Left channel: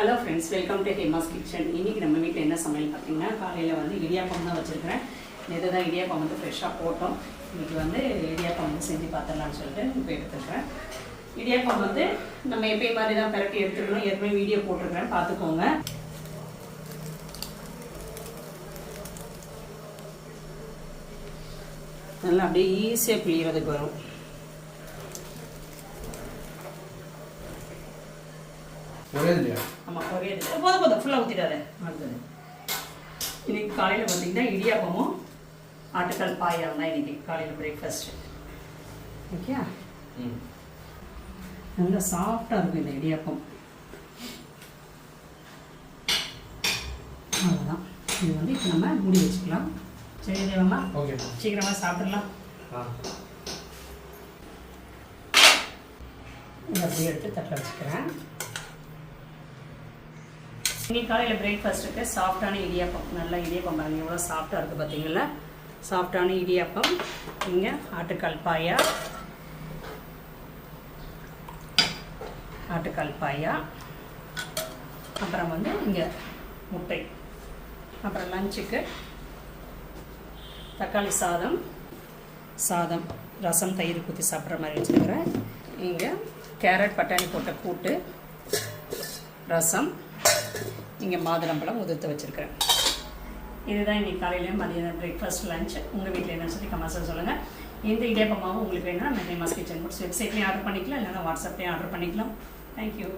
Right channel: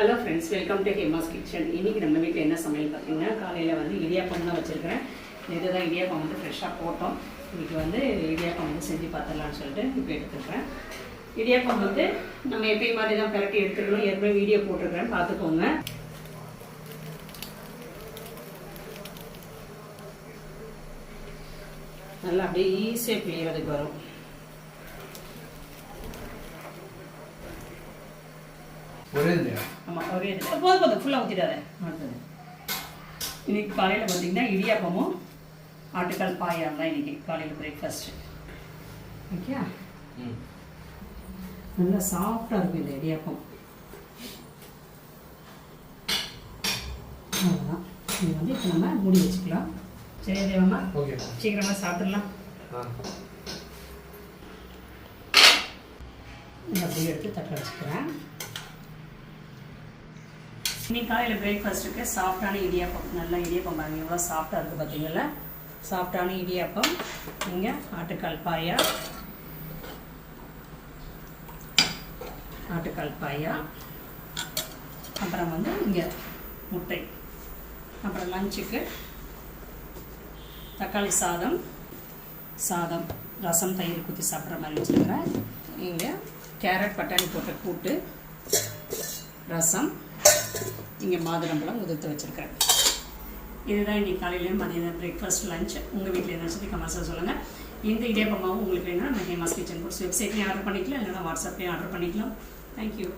Hello friends, welcome to Hema's kitchen. இன்றைக்கி நம்ம வீட்டில் என்ன சமையல் பார்த்தீங்கன்னா, காலையில் வந்து இடியாப்பம் தான் வச்சுருக்கிறேன். இதுதான் இடியாப்பம் வந்து ஃப்ரெஷ்ஷாக போட்டோம். இன்றைக்கி வந்து இடியாப்பம் வந்து செஞ்சு பார்த்துடலான்னு சொல்லிட்டு இப்போ எடுத்துக்கிறேன். இடியாப்பம் வந்து நம்ம எப்பயும் மாதிரி தான் கரெக்டாக எடுத்துக்கணும். ஏற்கனவே வீடியோ போட்டிருக்கிறேன், பார்த்துக்கோங்க. நல்லா அப்படியே ஈஸியாக பிழியறதுக்கு வரும். ஆமாம், ஒரே போதும் ஃபுல்லாக ஊற்றிடாது. அடுத்தது இன்னைக்கு காலையில் பார்த்தீங்கன்னா இடியாப்பமும் ஆட்டுக்கால் பாயாம் தான் இன்னைக்கு காலையில் பிரேக்ஃபாஸ்ட்டு. ஓகே, நல்லா சாஃப்டாக இருக்கும் இந்த இடியாப்பம். அவ்வளோதான். இது வந்து இப்போ நம்ம மூடி வச்சுக்கலாம். சரி தேவமா, சீக்கிரமாக சாப்பிடலாம். இதை அப்படியே எடுத்து தட்டில் வச்சுக்கிறேன். இன்னைக்கு காலையில் பிரேக்ஃபாஸ்ட்டுக்கு சாஃப்டான இடியாப்பம். நல்லா இடியாப்பம் பாருங்கள், எவ்வளோ சாஃப்டாக இருக்குது பார்த்தீங்களா? சாஃப்டான இடியாப்பம். இங்கே ஆட்டுக்கால் பாயா, அப்புறம் வந்து இங்கே முட்டை, அப்புறம் லஞ்சுக்கு தக்காளி சாதம், ரசம், தயிர் ஊற்றி சாப்பிட்ற மாதிரி வச்சுருக்கிறேன். இங்கே கேரட் பட்டாணி போட்ட கூட்டு, ரசம், இங்கே மாதுளம்பழம் உதிர்த்து வச்சுருக்கிறேன். இதுதான் இன்றைக்கி காலையிலேயும் மதியம் பிரேக்ஃபாஸ்ட், லஞ்ச். உங்கள் வீட்டில் என்ன சொல்லி கமெண்ட்ஸில் சொல்லுங்கள். இந்த இடியாப்பமாகவும் உங்களுக்கு வேணும்னா நம்ம ஹேமாஸ் கிச்சன் புக்ஸ் வெப்சைட்லேயும் ஆர்டர் பண்ணிக்கலாம், இல்லைன்னா வாட்ஸ்அப்லேயும் ஆர்டர் பண்ணிக்கலாம். தேங்க்யூ.